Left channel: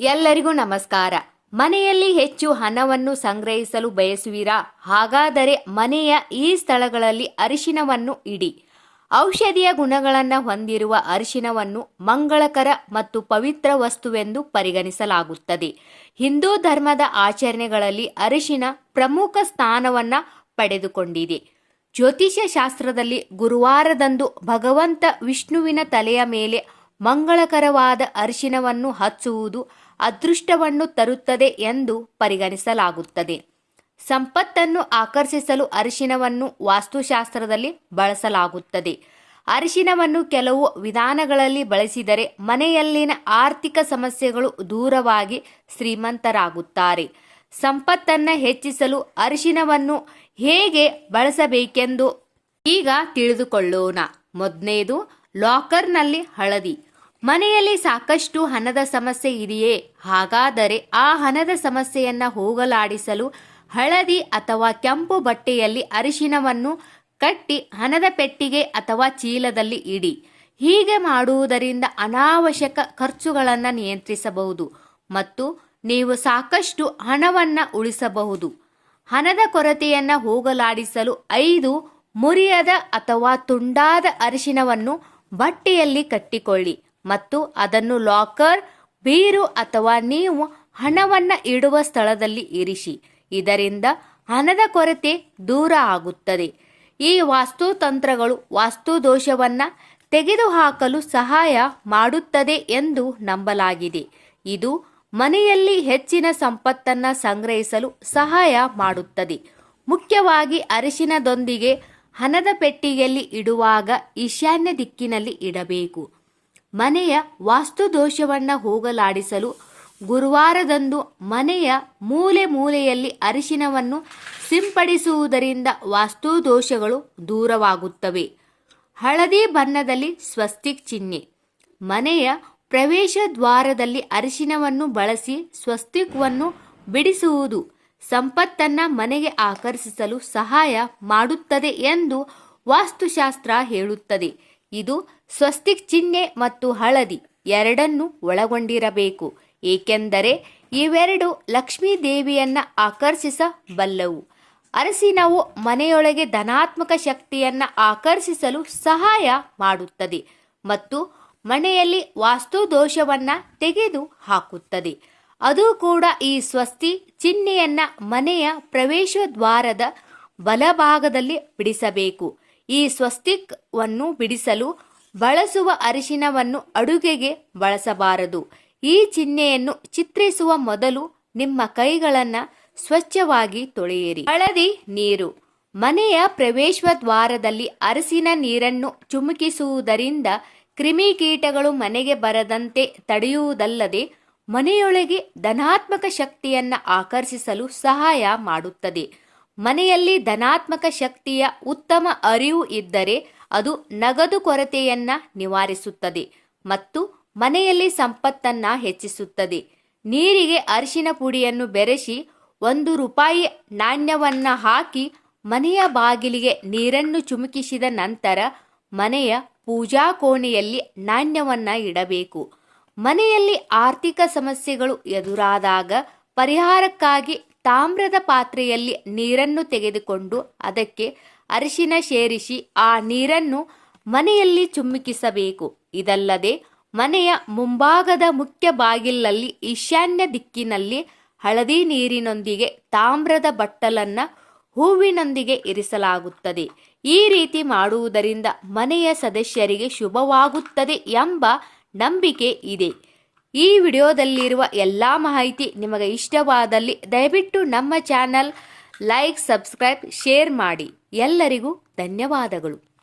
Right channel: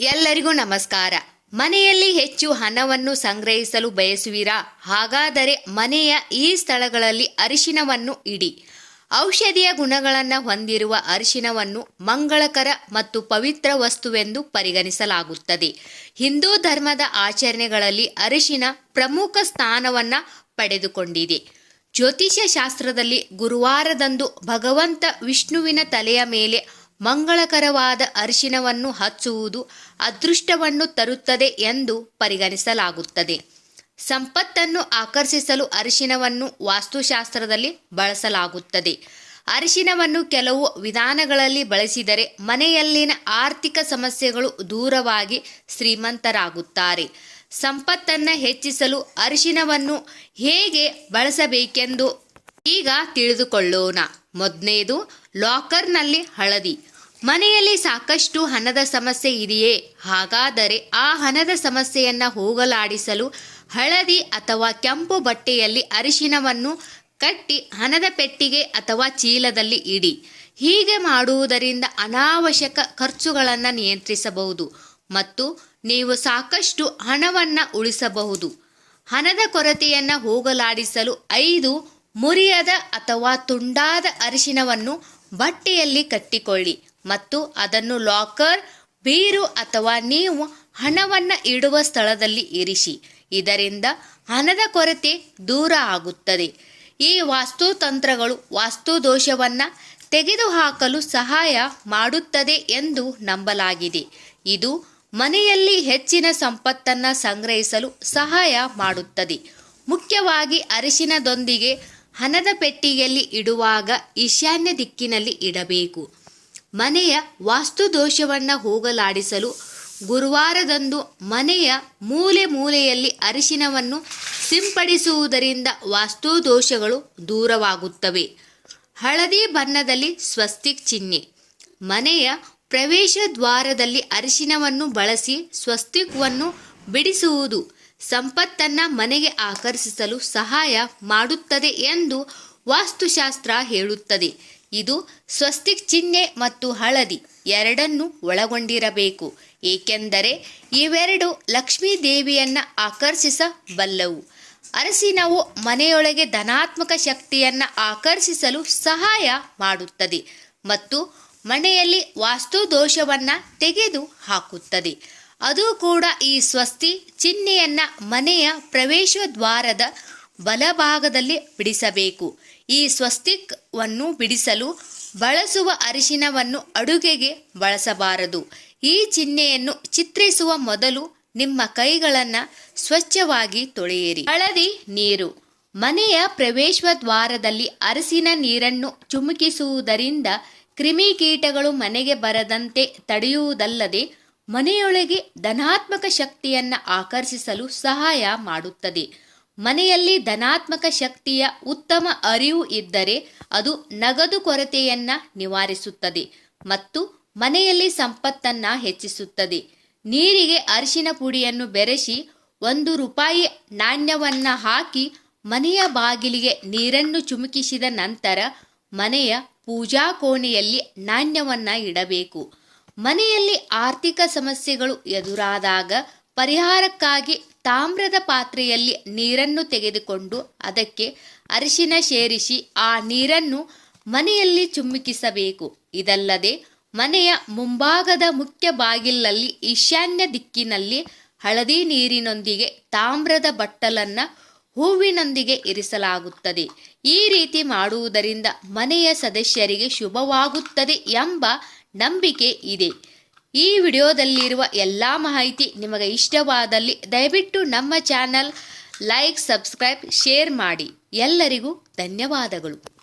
ಎಲ್ಲರಿಗೂ ನಮಸ್ಕಾರ. ಮನೆಯಲ್ಲಿ ಹೆಚ್ಚು ಹಣವನ್ನು ಸಂಗ್ರಹಿಸಲು ಬಯಸುವಿರಾ? ಹಾಗಾದರೆ ಮನೆಯ ಈ ಸ್ಥಳಗಳಲ್ಲಿ ಅರಿಶಿನವನ್ನು ಇಡಿ. ಔಷಧಿಯ ಗುಣಗಳನ್ನು ಹೊಂದಿರುವ ಅರಿಶಿನವನ್ನು ಮಂಗಳಕರ ಮತ್ತು ಪವಿತ್ರ ವಸ್ತುವೆಂದು ಪರಿಗಣಿಸಲಾಗುತ್ತದೆ. ಹಿಂದೂ ಧರ್ಮದ ಆಚರಣೆಗಳಲ್ಲಿ ಅರಿಶಿನ ಪ್ರಮುಖ ಸ್ಥಾನವನ್ನು ಪಡೆದುಕೊಂಡಿದೆ. ಜ್ಯೋತಿಷ್ಯ ಶಾಸ್ತ್ರದಲ್ಲಿ ಗುರುವಾರದಂದು ಭಗವಂತ ವಿಷ್ಣುವಿನ ತಲೆಯ ಮೇಲೆ ಮಂಗಳಕರವಾದ ಅರಿಶಿನವನ್ನು ಹಚ್ಚುವುದು ಅದೃಷ್ಟವನ್ನು ತರುತ್ತದೆ ಎಂದು ಪರಿಗಣಿಸಲಾಗುತ್ತದೆ. ಸಂಪತ್ತನ್ನು ಆಕರ್ಷಿಸಲು ಅರಿಶಿನವನ್ನು ವಾಸ್ತುಶಾಸ್ತ್ರದಲ್ಲಿ ಬಳಸಲಾಗುತ್ತದೆ. ಅರಿಶಿನವನ್ನು ಕೆಲವು ವಿಧಾನಗಳಲ್ಲಿ ಬಳಸಿದರೆ ಮನೆಯಲ್ಲಿನ ಆರ್ಥಿಕ ಸಮಸ್ಯೆಗಳು ದೂರವಾಗಿ ಶ್ರೀಮಂತರಾಗುತ್ತಾರೆ. ಸಂಪತ್ತನ್ನು ಹೆಚ್ಚಿಸಲು ಅರಿಶಿನವನ್ನು ಹೇಗೆ ಬಳಸಬೇಕೆಂದು ಈಗ ತಿಳಿದುಕೊಳ್ಳೋಣ. ಮೊದಲನೇದು, ಲಾಕರ್ನಲ್ಲಿ ಹಳದಿ. ಮನೆಯಲ್ಲಿ ಸಾಕಷ್ಟು ಹಣದ ಸಮಸ್ಯೆ ಇದೆಯೇ? ಹಾಗಾದರೆ ಆ ಹಣದ ಸಮಸ್ಯೆಯನ್ನು ಹೋಗಲಾಡಿಸಲು ಹಳದಿ ಅಥವಾ ಕೆಂಪು ಬಟ್ಟೆಯಲ್ಲಿ ಅರಿಶಿನವನ್ನು ಕಟ್ಟಿ ಹಣದ ಪೆಟ್ಟಿಗೆ ಅಥವಾ ಚೀಲದಲ್ಲಿ ಇಡಿ. ಹೀಗೆ ಮಾಡುವುದರಿಂದ ಅನಾವಶ್ಯಕ ಖರ್ಚುಗಳನ್ನು ನಿಯಂತ್ರಿಸಬಹುದು ಮತ್ತು ನೀವು ಸಾಕಷ್ಟು ಹಣವನ್ನು ಉಳಿಸಬಹುದು. ಹಣದ ಕೊರತೆಯನ್ನು ಹೋಗಲಾಡಿಸಲು ಐದು ಮುರಿಯದ ಅಥವಾ ತುಂಡಾದ ಅರಿಶಿನವನ್ನು ಬಟ್ಟೆಯಲ್ಲಿ ಕಟ್ಟಿಕೊಳ್ಳಿ. ಮತ್ತು ಅದನ್ನು ಲಾಕರ್ ಬೀರು ಅಥವಾ ನೀವು ಹಣವನ್ನು ಇಡುವ ಸ್ಥಳದಲ್ಲಿ ಇರಿಸಿ. ಇದರಿಂದ ಹಣದ ಕೊರತೆ ದೂರ ಆಗುತ್ತದೆ. ಈ ವಾಸ್ತುತಂತ್ರಗಳು ವಾಸ್ತು ದೋಷವನ್ನು ತೆಗೆದುಹಾಕಲು ಸಹಾಯ ಮಾಡುತ್ತದೆ ಎಂದು ನಂಬಲಾಗಿದೆ. ಇದು ಮನೆಯಲ್ಲಿ ಹೆಚ್ಚಿನ ಸಂಪತ್ತನ್ನು ಸಂಗ್ರಹಿಸಲು ಸಹಾಯ ಮಾಡುತ್ತದೆ. ಮುಖ್ಯವಾಗಿ ಅರಿಶಿನದೊಂದಿಗೆ ಹಣದ ಪೆಟ್ಟಿಗೆಯಲ್ಲಿ ಇಡುವಾಗ ಈಶಾನ್ಯ ದಿಕ್ಕಿನಲ್ಲಿ ಇಡಬೇಕು. ಮನೆಯ ವಾಸ್ತು ದೋಷವನ್ನು ಹೋಗಲಾಡಿಸಲು ಗುರುವಾರದಂದು ಮನೆಯ ಮೂಲೆ ಮೂಲೆಯಲ್ಲಿ ಅರಿಶಿನವನ್ನು ಸಿಂಪಡಿಸುವುದರಿಂದ ವಾಸ್ತು ದೋಷಗಳು ದೂರವಾಗುತ್ತವೆ. ಹಳದಿ ಬಣ್ಣದಲ್ಲಿ ಸ್ವಸ್ತಿಕ್ ಚಿಹ್ನೆ. ಮನೆಯ ಪ್ರವೇಶ ದ್ವಾರದಲ್ಲಿ ಅರಿಶಿನವನ್ನು ಬಳಸಿ ಸ್ವಸ್ತಿಕ್ವನ್ನು ಬಿಡಿಸುವುದು ಸಂಪತ್ತನ್ನು ಮನೆಗೆ ಆಕರ್ಷಿಸಲು ಸಹಾಯ ಮಾಡುತ್ತದೆ ಎಂದು ವಾಸ್ತುಶಾಸ್ತ್ರ ಹೇಳುತ್ತದೆ. ಇದು ಸ್ವಸ್ತಿಕ್ ಚಿಹ್ನೆ ಮತ್ತು ಹಳದಿ ಎರಡನ್ನು ಒಳಗೊಂಡಿರಬೇಕು, ಏಕೆಂದರೆ ಇವೆರಡು ಲಕ್ಷ್ಮೀ ದೇವಿಯನ್ನು ಆಕರ್ಷಿಸಬಲ್ಲವು. ಅರಸಿನವು ಮನೆಯೊಳಗೆ ಧನಾತ್ಮಕ ಶಕ್ತಿಯನ್ನು ಆಕರ್ಷಿಸಲು ಸಹಾಯ ಮಾಡುತ್ತದೆ ಮತ್ತು ಮನೆಯಲ್ಲಿ ವಾಸ್ತು ದೋಷವನ್ನು ತೆಗೆದು ಹಾಕುತ್ತದೆ ಅದು ಕೂಡ ಈ ಸ್ವಸ್ತಿ ಚಿಹ್ನೆಯನ್ನು ಮನೆಯ ಪ್ರವೇಶ ದ್ವಾರದ ಬಲಭಾಗದಲ್ಲಿ ಬಿಡಿಸಬೇಕು. ಈ ಸ್ವಸ್ತಿಕ್ವನ್ನು ಬಿಡಿಸಲು ಬಳಸುವ ಅರಿಶಿನವನ್ನು ಅಡುಗೆಗೆ ಬಳಸಬಾರದು. ಈ ಚಿಹ್ನೆಯನ್ನು ಚಿತ್ರಿಸುವ ಮೊದಲು ನಿಮ್ಮ ಕೈಗಳನ್ನು ಸ್ವಚ್ಛವಾಗಿ ತೊಳೆಯಿರಿ. ಹಳದಿ ನೀರು. ಮನೆಯ ಪ್ರವೇಶ ದ್ವಾರದಲ್ಲಿ ಅರಸಿನ ನೀರನ್ನು ಚುಮುಕಿಸುವುದರಿಂದ ಕ್ರಿಮಿಕೀಟಗಳು ಮನೆಗೆ ಬರದಂತೆ ತಡೆಯುವುದಲ್ಲದೆ ಮನೆಯೊಳಗೆ ಧನಾತ್ಮಕ ಶಕ್ತಿಯನ್ನು ಆಕರ್ಷಿಸಲು ಸಹಾಯ ಮಾಡುತ್ತದೆ. ಮನೆಯಲ್ಲಿ ಧನಾತ್ಮಕ ಶಕ್ತಿಯ ಉತ್ತಮ ಅರಿವು ಇದ್ದರೆ ಅದು ನಗದು ಕೊರತೆಯನ್ನ ನಿವಾರಿಸುತ್ತದೆ ಮತ್ತು ಮನೆಯಲ್ಲಿ ಸಂಪತ್ತನ್ನ ಹೆಚ್ಚಿಸುತ್ತದೆ. ನೀರಿಗೆ ಅರಿಶಿನ ಪುಡಿಯನ್ನು ಬೆರೆಸಿ ಒಂದು ರೂಪಾಯಿ ನಾಣ್ಯವನ್ನ ಹಾಕಿ ಮನೆಯ ಬಾಗಿಲಿಗೆ ನೀರನ್ನು ಚುಮುಕಿಸಿದ ನಂತರ ಮನೆಯ ಪೂಜಾ ಕೋಣೆಯಲ್ಲಿ ನಾಣ್ಯವನ್ನ ಇಡಬೇಕು. ಮನೆಯಲ್ಲಿ ಆರ್ಥಿಕ ಸಮಸ್ಯೆಗಳು ಎದುರಾದಾಗ ಪರಿಹಾರಕ್ಕಾಗಿ ತಾಮ್ರದ ಪಾತ್ರೆಯಲ್ಲಿ ನೀರನ್ನು ತೆಗೆದುಕೊಂಡು ಅದಕ್ಕೆ ಅರಿಶಿನ ಸೇರಿಸಿ ಆ ನೀರನ್ನು ಮನೆಯಲ್ಲಿ ಚುಮ್ಮಿಕಿಸಬೇಕು. ಇದಲ್ಲದೆ ಮನೆಯ ಮುಂಭಾಗದ ಮುಖ್ಯ ಬಾಗಿಲಲ್ಲಿ ಈಶಾನ್ಯ ದಿಕ್ಕಿನಲ್ಲಿ ಹಳದಿ ನೀರಿನೊಂದಿಗೆ ತಾಮ್ರದ ಬಟ್ಟಲನ್ನ ಹೂವಿನೊಂದಿಗೆ ಇರಿಸಲಾಗುತ್ತದೆ. ಈ ರೀತಿ ಮಾಡುವುದರಿಂದ ಮನೆಯ ಸದಸ್ಯರಿಗೆ ಶುಭವಾಗುತ್ತದೆ ಎಂಬ ನಂಬಿಕೆ ಇದೆ. ಈ ವಿಡಿಯೋದಲ್ಲಿರುವ ಎಲ್ಲ ಮಾಹಿತಿ ನಿಮಗೆ ಇಷ್ಟವಾದಲ್ಲಿ ದಯವಿಟ್ಟು ನಮ್ಮ ಚಾನಲ್ ಲೈಕ್, ಸಬ್ಸ್ಕ್ರೈಬ್, ಶೇರ್ ಮಾಡಿ. ಎಲ್ಲರಿಗೂ ಧನ್ಯವಾದಗಳು.